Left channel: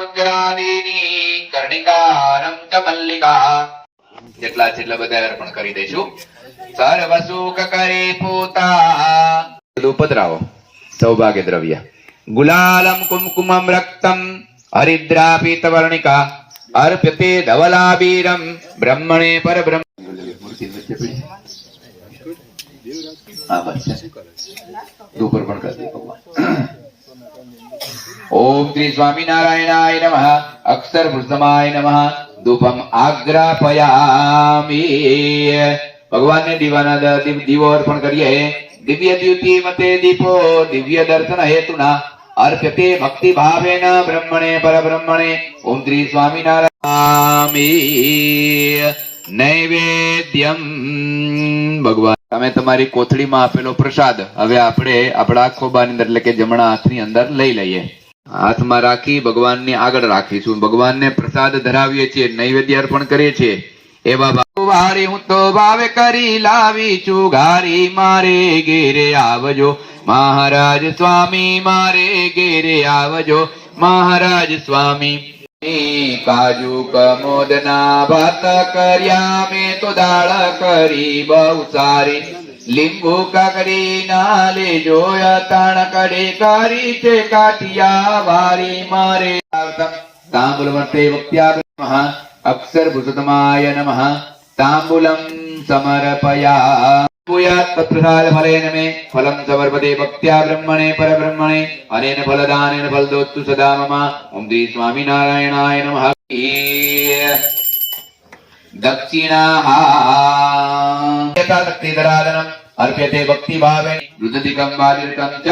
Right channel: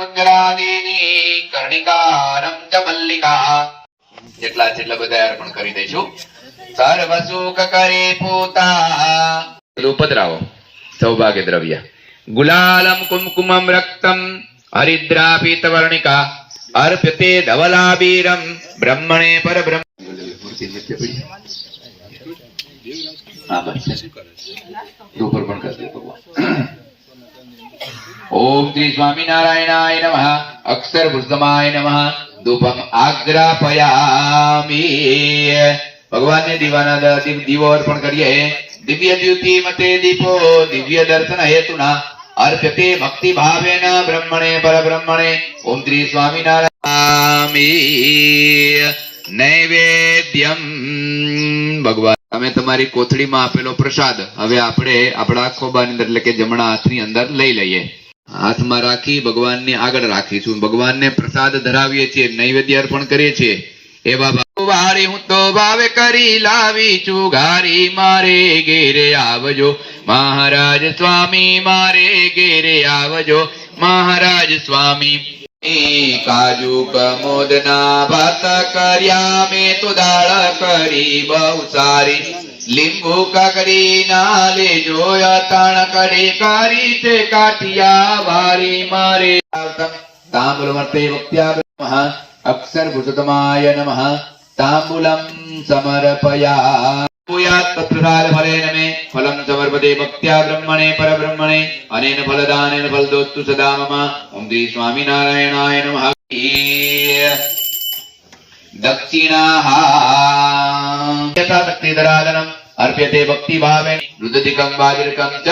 મંગલાદીની કર્ણિકારમ ચ મલ્લિકા જેટલા બધા અર્પણ કરી દઈશું. સર્વ સુખ કરી પૂતા પધરાવો સૌભાગ્ય દ્રવ્ય ગુલાલમ કુમકુમમ રક્તમ હરિદ્રા પીતવર્ણિકા અર્પ્યતે ધવલાબીરમ બ્રહ્મણે પરબ્રહ્મ. ઓમ શ્રી સ્વામિનારાયણાય નમઃ. અક્ષર પુરુષોત્તમાય નમઃ. ધૂપમ આગ્રાપયામિ. ભગવાનને દીવો અર્પણ કરીએ. દિવ્ય દ્યુતિ મતે દીપો દિવ્ય દર્શન હેતુના અર્પ્યતે ભક્તિ ભાવેન બ્રહ્મણે પરબ્રહ્મણે. ઓમ શ્રી સ્વામિનારાયણામિ. નૈવેદ્યમ. ભગવાન તમે તમારી કોથળીમાં આપેલો પ્રસાદ હવે આપણે આપણા ખોબાની અંદર એટલે કે જમણા હાથની અંદર લઈ લઈએ. હાથમાં રાખી ભગવાનને આગળ રાખીશું. ભગવાનને પ્રસાદ ધરાવીએ છીએ, નૈવેદ્ય અર્પણ કરીએ છીએ. એવા વારી હું તો ભાવે કરી લાવી છું ઘારી મારે ઘેરે આવજો મહારાજ સ્વામી. મારે ઘેરે આવજો મહારાજ સ્વામી. કાજુ કમોદના ભાત કર્યા મેં તો દાળ કરી બહુ સારી. લીંબુ કાકડી ના લેજો તાણ કડી કરી છે કાઠિયા વારી મારે. તાંબુલમ તે વક્ત્યા નમઃ. અક્ષર પુરુષોત્તમાય નમઃ. તાંબુલમ સમર્પયા. ભૂયાત પ્રસાદ ફલેન મે ફલમ સમર્પતે ભક્ત્યા બ્રહ્મણે પરબ્રહ્મણે. અનેન ફલદાનેન ફલદોત્તુ સદા મમ. ઓમ શ્રી સ્વામિનારાયણાય નમઃ. દક્ષિણાહામ યથાશક્તિધરાધનમ અર્પ્યતે ભક્તિ ભાવે. રુદધિકમ વાદિરકમ ચ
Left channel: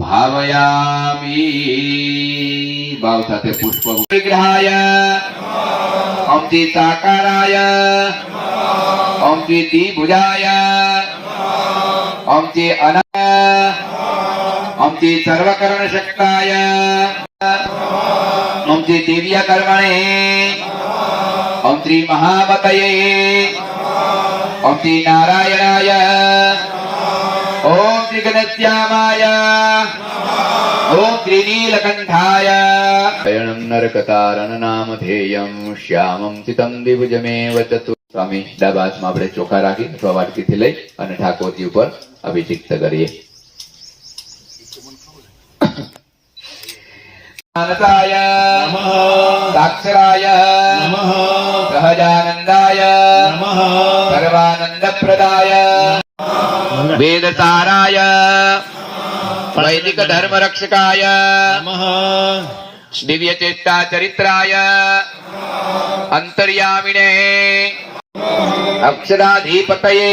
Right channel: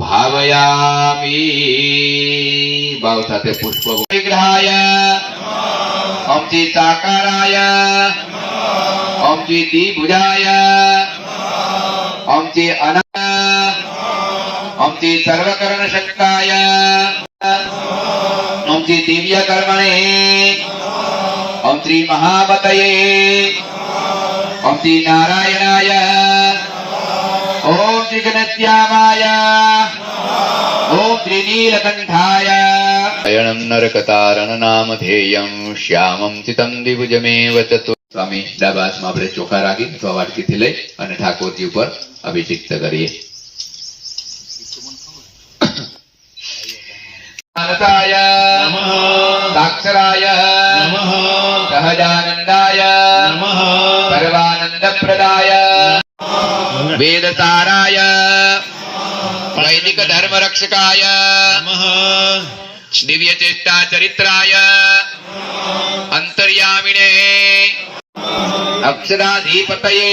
ભાવયામિ. ભાવ સાથે પુષ્પ વિગ્રહાય ઓમ શ્રી સાકારાય ઓમ શ્રી દ્વિભુજાય ઓમ શ્રી ઓમ શ્રી સર્વકરણ શક્તાય ઓમ શ્રી દિવ્ય કર્મણે ઓમ શ્રી મહાબતયે ઓમ શ્રી નારાયણાય ઓમ શ્રી ઘનશ્યામાય ઓમ શ્રી નીલકંઠાય. અયણં નરકતારણ નામધેયં શ્યામં ચિતં દ્વિભુજમેવ ચતુ. સ્વામી ડાબા હાથમાં આપણે ચોખા રાખી અથવા વાટકીથી લઈ અને ઠાકોરજી ઉપર અભિષેક કરીએ. અનંતાય નમઃ. સાક્ષરાય નમઃ. સહજાનંદાય નમઃ. સર્વાનંદપ્રદાય વેદસારાય વૈદિક ધર્મ રક્ષકાય નમઃ. દિવ્ય ચેષ્ટા ચરિત્રાય અંતર્યામિને અક્ષરાધિપતયે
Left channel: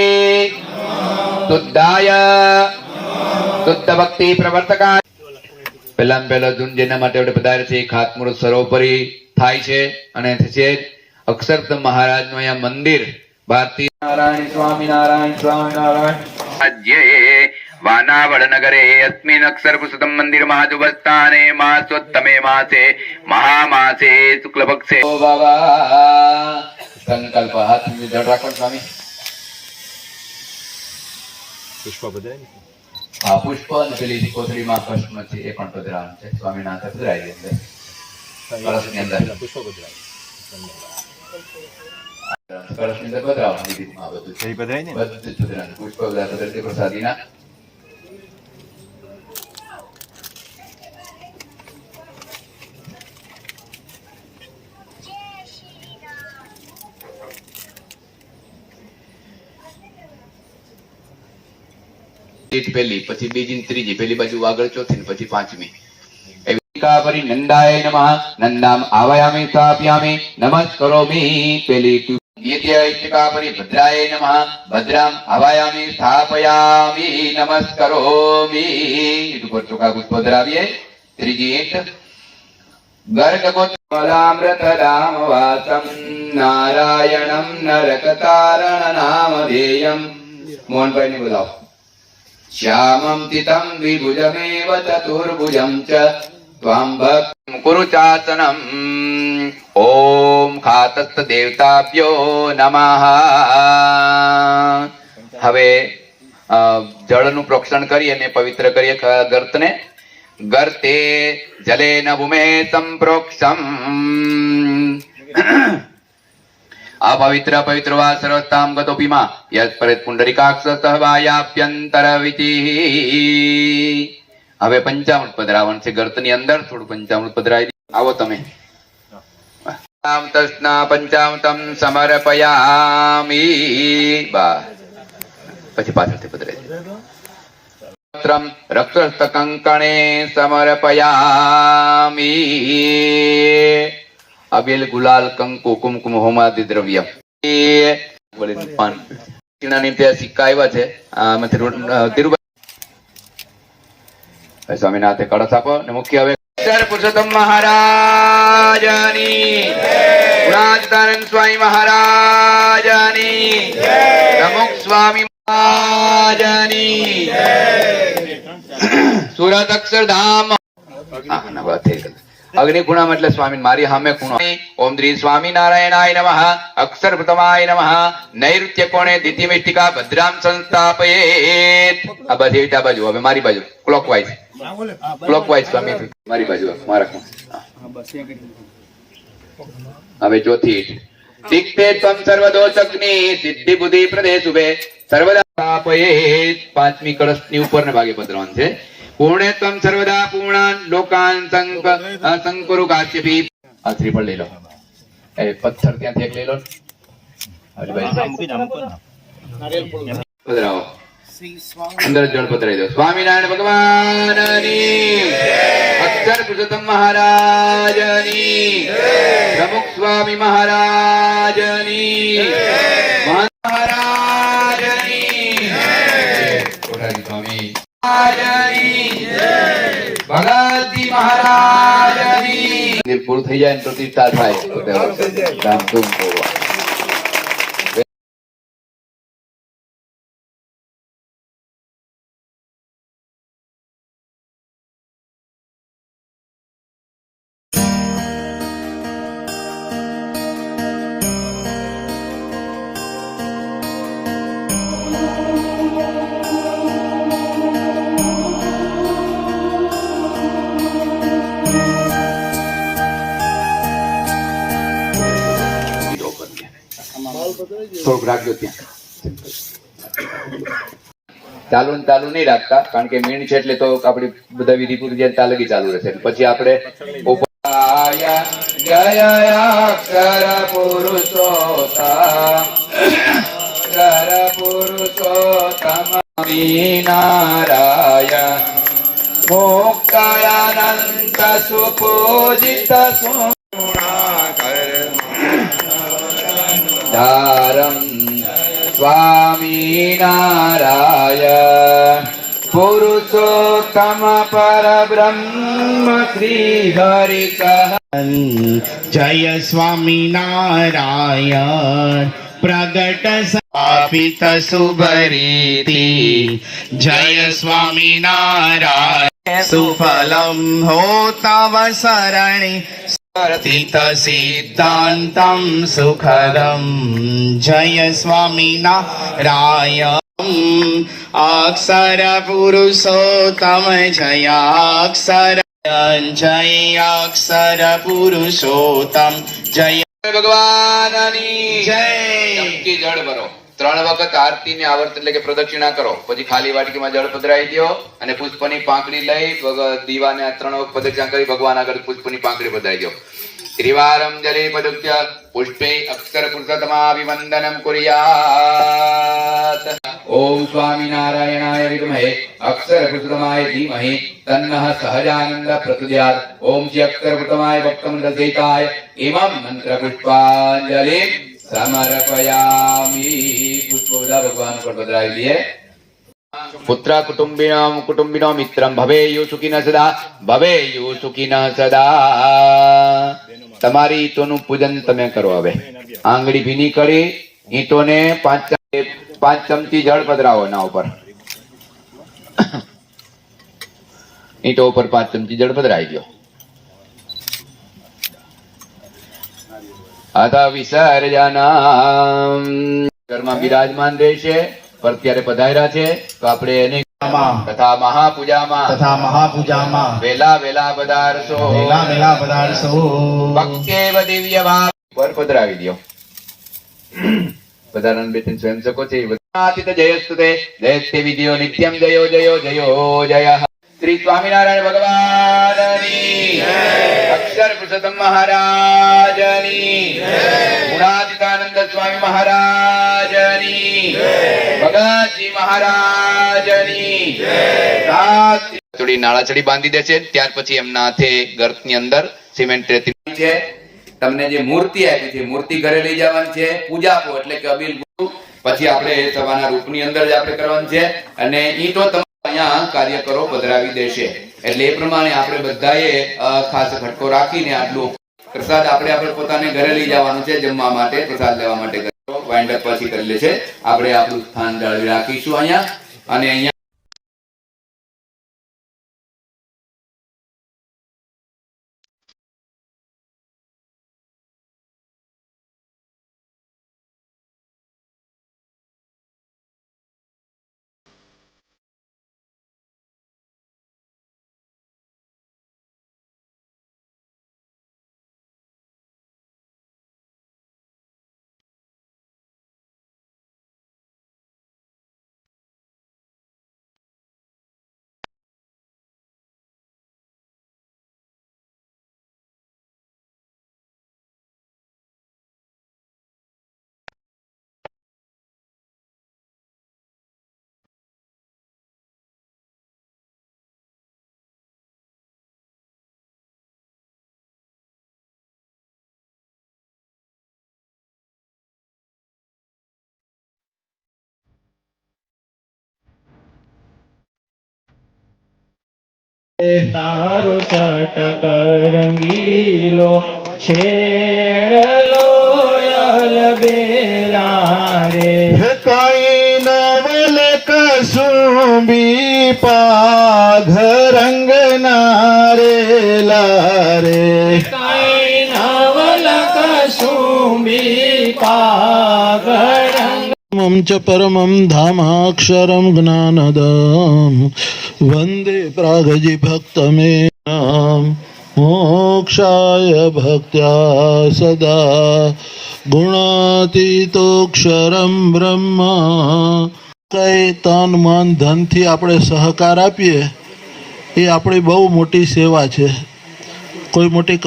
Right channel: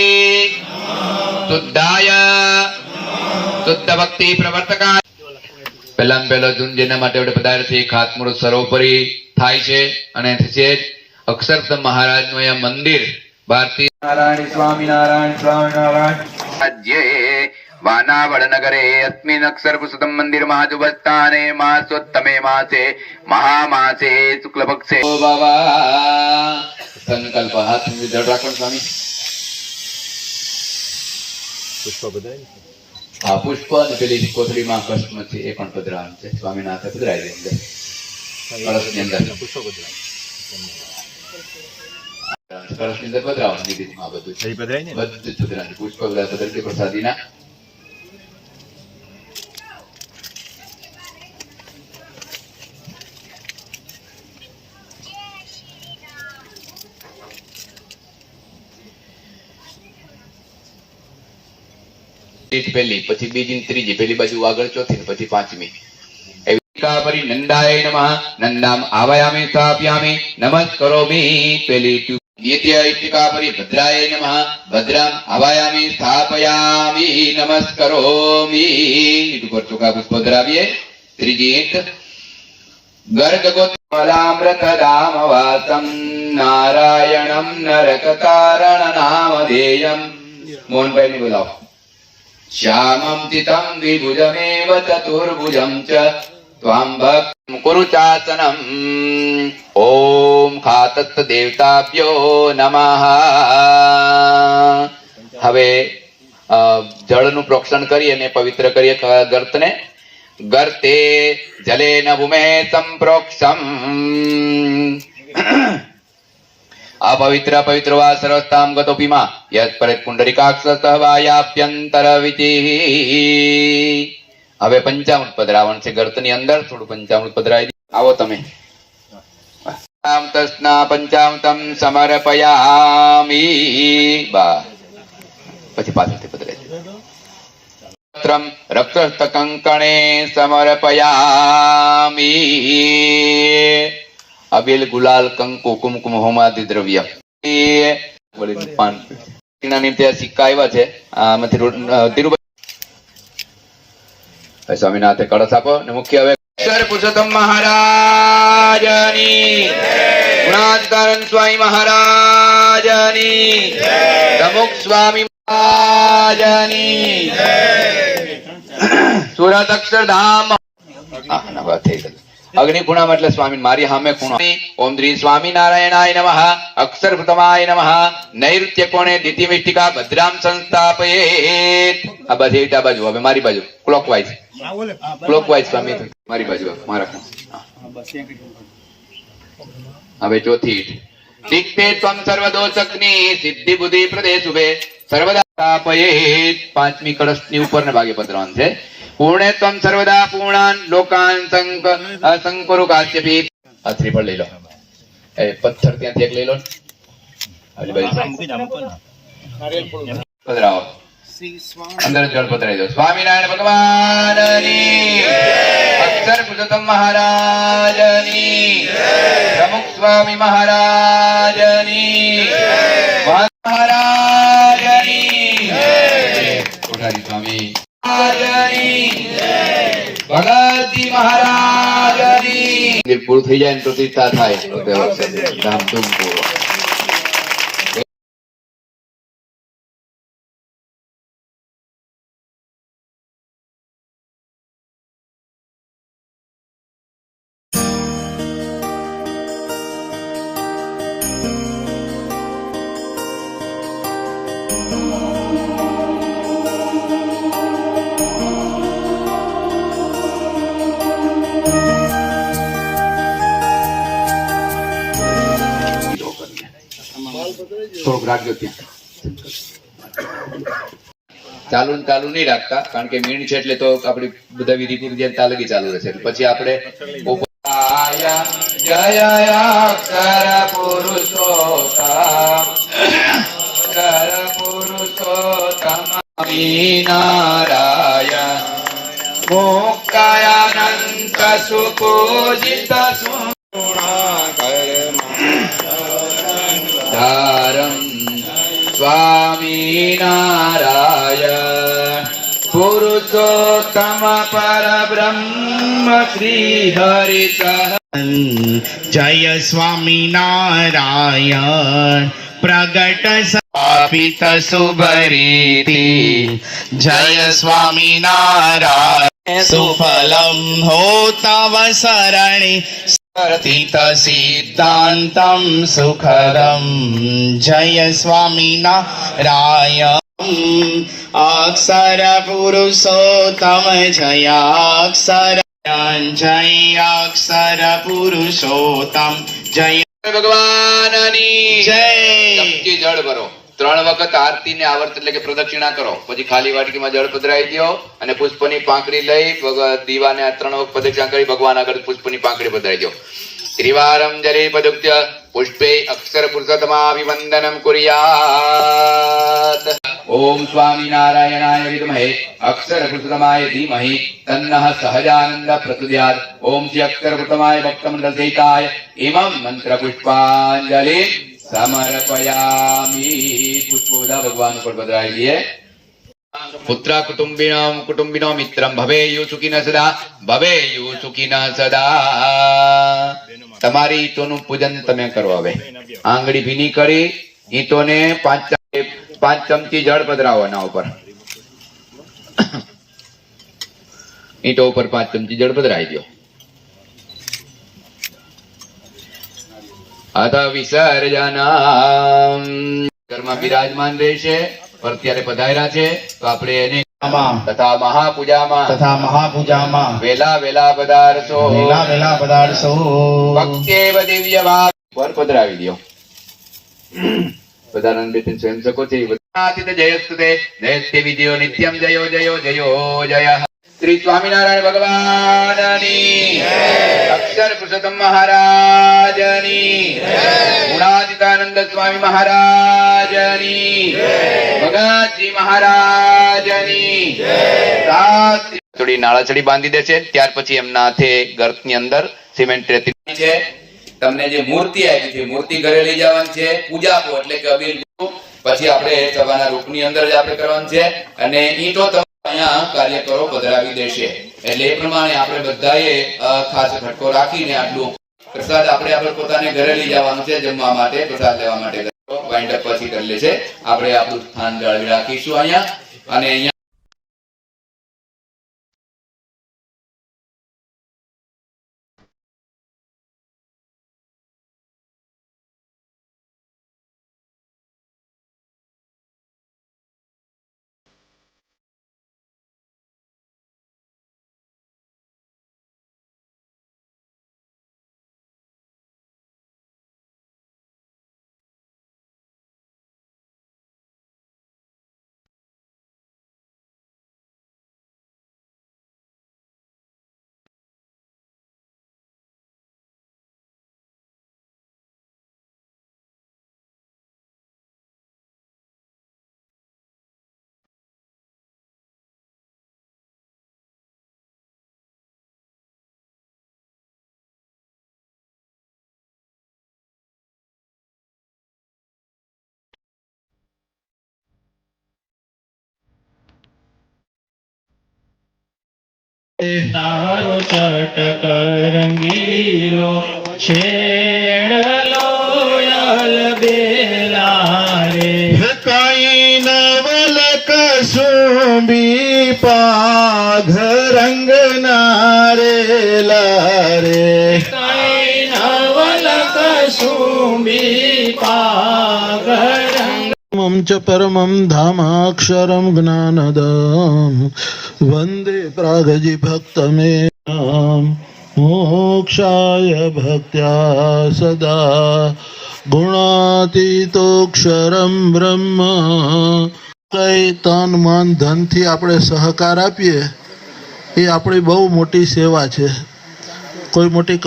શુદ્ધાય શુદ્ધ ભક્તિ પ્રવર્તકાય. પહેલામાં પહેલો જૂન જેના માટે આપણે પધાર્યા છે ખાતમુહૂર્ત સર્વોપરી થાય છે અને છે અક્ષરધામ મહારાજનું અહીંયા મંદિર. ભારતીય નારાયણ સ્વામિનારાયણ સ્વામિનારાયણ. રાજ્યે વાનાવડ નગરે અસ્મિન અક્ષર પુરુષોત્તમ મંદિર મહાજુબસ્થાને માસોત્તમે માસે મહામાસે શુક્લ પક્ષે. બાબા સંકલ્પ હાથ જળ રાખો સ્વામી. પુષ્પ પધરાય. હા, પુષ્પ અને પેલી કોથળીમાં કષ્મ છે એ પણ પધરાવાનું છે. સ્વામીના હાથે પધરાય દે અંદર કળશની અંદર. પુષ્પ પધરાય કળશની અંદર પધરાવવાની રીતમાં બધું છે. પધરાય ને બધું જ પધરાવાનું. પુષ્પ પધરાય પ્રસાદીના. પહેલી પછી બીજી ત્રીજી, પેલી બાજુ આગળ ચોથી ને પછી પાંચમી. નંદાય નમઃ. નંદામ આવાયામિ સ્થાપ્યામિ નમસ્કરોમિ. પેલી દ્વિતીય ભદ્રાય નમઃ. ભદ્રામ આવાયામિ સ્થાપયામિ નમસ્કરોમિ. ઉપર ચોખા પુષ્પ ધરાવીએ. ત્રીજી ઈંટ ગર્ગગોત્મલામૃત દામ વાસમ નારાયણમ નરકતારણ નામધેયમ. મોહનભાઈ ને બોલાવો. શ્યામં ચિતં દ્વિભુજમેવ ચતુર્ભુજં ચ ત્વાં ભક્તિં કુરુ ચાસનમ. ઓમ ખાતસ્ત દેવતાભ્યો નમઃ. હવે જળનું પ્રોક્ષણ કરી અને પવિત્ર કરીએ ગર્તને गर्ते जलेन भूमे संप्रोक्षम अपवित्र पवित्र वा सर्वस्ताम गतोपि मा यत्परेत पुंडरीकाक्षस्तः वायाभ्यंतरवितिः। હવે પંચામૃત પધરાવણ છે. ગર્તની અંદર થોડું પંચામૃત પધરાવી આવો તમે. તસ્ના પંચામૃતમ સમર્પયામિ. બા પછી પાછળથી પધરાવી રક્ત કંકણે સમર્પયામિ. અબેલ ગુલાલ કંકુ કુમકુમ હોમાદિ દ્રવ્ય સિક્કા આવ્યા છે. સ્વામિનાથે કળશ આપો ને મુખ્ય હવે પુરુષોત્તમ મહારાજની, ગુણાતીતાનંદ સ્વામી મહારાજની, પ્રમુખ સ્વામી મહારાજની, સુરત અક્ષરધામ. અગ્નિકુણામાં એટલે સ્વામી મારી સામે ખૂણો. ઓમ શ્રી સ્વામિનારાયણાય નમઃ. અક્ષર પ્રથમાય નમઃ. નૈઋત્ય કોણે દ્વિતીયમિષ્ટિકા ભદ્રામ સંસ્થાપયેત. આ બધી આ બાજુ, હવે મારી બાજુ ક્લોકવાઇઝ. ક્લોકવાઇઝ સ્વામી મારી બાજુ મારા. હવે ચોથી ઈટ. દિક્તે ત્વમ સર્વદોષગ્નિ સિદ્ધિ બુદ્ધિ પ્રદેશુભે સર્વદા સ્થાપયેત. પાંચમી કળશની ઉપરને ભાગે પધરાવાનું છે. પૂર્ણે ત્વમ સર્વદા પૂર્ણાન લોકાન સંકરુ કાશ્યપી. હાથરી પર લઈ લો. એ પથ્થર ત્યાંથી એક લઈ લો. પધરાવો. અંદર જળ પધરાઈ દો. સ્વામિનારાયણ ભગવાનની, અક્ષર પુરુષોત્તમ મહારાજની, પ્રમુખ સ્વામી મહારાજની, મહારાજની, સ્વામી ભગતજી મહારાજની. પૂરું થઈ જાય ને પ્રતિષ્ઠા થાય. થોડુંક રાખજો ત્યાં. ચાલુ નહીં રાખતા, કારણ કે મીણ છે એટલે તો આપડી બધા વિધિ પૂરી જાય તાલગી ચાલુ રહેશે. પછી આપણે જય અક્ષર પુરુષોત્તમ નારાયણ મોક્ષયાનંત સુપૂજિત ધારમ સ્વામિનારાયણ પુરુષોત્તમ પરબ્રહ્મ શ્રી હરિ. જય સ્વામિનારાયણ પ્રગટ સ્થાપિત શુભરીતિ. જય સ્વામિનારાયણ સુફલમ હો તવ શરણે સ્થિત સિદ્ધાંતમ સુખદમ. જય સ્વામિનારાયણ અક્ષર પુરુષોત્તમ. જય અક્ષર જય અક્ષર પુરુષોત્તમ. જય ભગવાનની જય. ચમચી જળ ભરો. 3 વખત આરતી ને આવર્ત એટલે કે પ્રદક્ષિણા કરો. પછી ખાલી વાટકીમાં જળ પધરાવી દો અને પુષ્પની પાંખડી લઈ દીવાને 3 વખત પ્રદક્ષિણા કરી ભગવાન આગળ પુષ્પની પાંખડી પધરાવી દો. ત્રિવારમ જલે પદુક્ત્ય પુષ્પે અક્ષર પુરુષોત્તમાભિવંદનમ કુર્યાત. ઓમ સ્વામિનારાયણાય વિદ્મહે અક્ષર પુરુષોત્તમાય ધીમહિ તન્નઃ સહજાનંદ પ્રચોદયાત. ઓમ શ્રી અક્ષર પુરુષોત્તમાય ભક્તમંડળ સહિતાય ઇમં મંત્ર પુષ્પાંજલિ સમર્પયામિ. પુષ્પ બધા ભગવાન ઉપર પધરાવી દઈએ. પુત્ર કુટુંબિનો મિત્રમ ભવેયુ સુખિન સદા. ભવેયુ સુખિન સદા. તમારી ઈંટોનું પૂજન તમે કરો. હવે આંગળી ભીની કરી ઈંટોને 5 ચમચી જળ પધરાવો. એના ઉપર ઈંટો ઉપર 5 ચમચી જળ પધરાવી દો. અથ વિસર્જન. ઘરમાં બિરાજમાન રહેશે, પર ત્યારે પધાર્યા છે તો આપણે એને તથા મહાપૂજામાં વેલા વેલા પધારશો ભક્તેવ દિવ્ય ભાવ પર પધરાવી દો. પધારણ બેઠીને સ્વયંસેવકો છે જયસ્તુતે જયસ્તે વિજયો નિત્યમ જયો જયો જયો જય. શ્રી સ્વામિનારાયણ ભગવાનની અક્ષર પુરુષોત્તમ મહારાજની ગુણાતીતાનંદ સ્વામી મહારાજની ભગતજી મહારાજની થોડી નાળાચડી બાંધી દે છે. ત્યાર પછી એમના હાથે ગર્તની અંદર સિમેન્ટ રેતી છે. તમને જે મૂર્તિ આપી છે મૂર્તિ ઘરે લઈ જવાની છે. પૂજા આપો એટલે કે અબીલ પછી આપણે સભાના રૂપની અંદર જ આપણે કરવાનું છે. અને ઈંટો અહીંયા કાર્યકરો પધરાવી દેશે એટલે એ પ્રમાણે આપણે બધાએ ખાસ ફટકો રાખીને આટલું પ્રસાદ આપણે પોતાને ઘરે લઈ જવાનું છે. જમવા માટે પ્રસાદ લેવા માટે વાઇન્ડ અપ પછી કરી લે છે. આપણે આપણું સ્થાન જાળવી રાખીશું અહીંયા. અને અહીંયા તારો ચટક રંગીલો છેડલો યલ બેલા રે કઈ નવલ કસુંબી પાઘ રંગ નારેલા રે કઈ નવલ કસુંબી પાગરંગ च परमं धामाक्षरं ज्ञानदं वन्दे प्रागजि भक्तमे मोक्षाय भक्त्या सदा ગુણાતીતોક્ષરમ બ્રહ્મા. કઈ તન મન ધનથી આપણે સહકાર આપીએ એ આપણી બહુ મોટી સેવા છે. કોઈ મોટી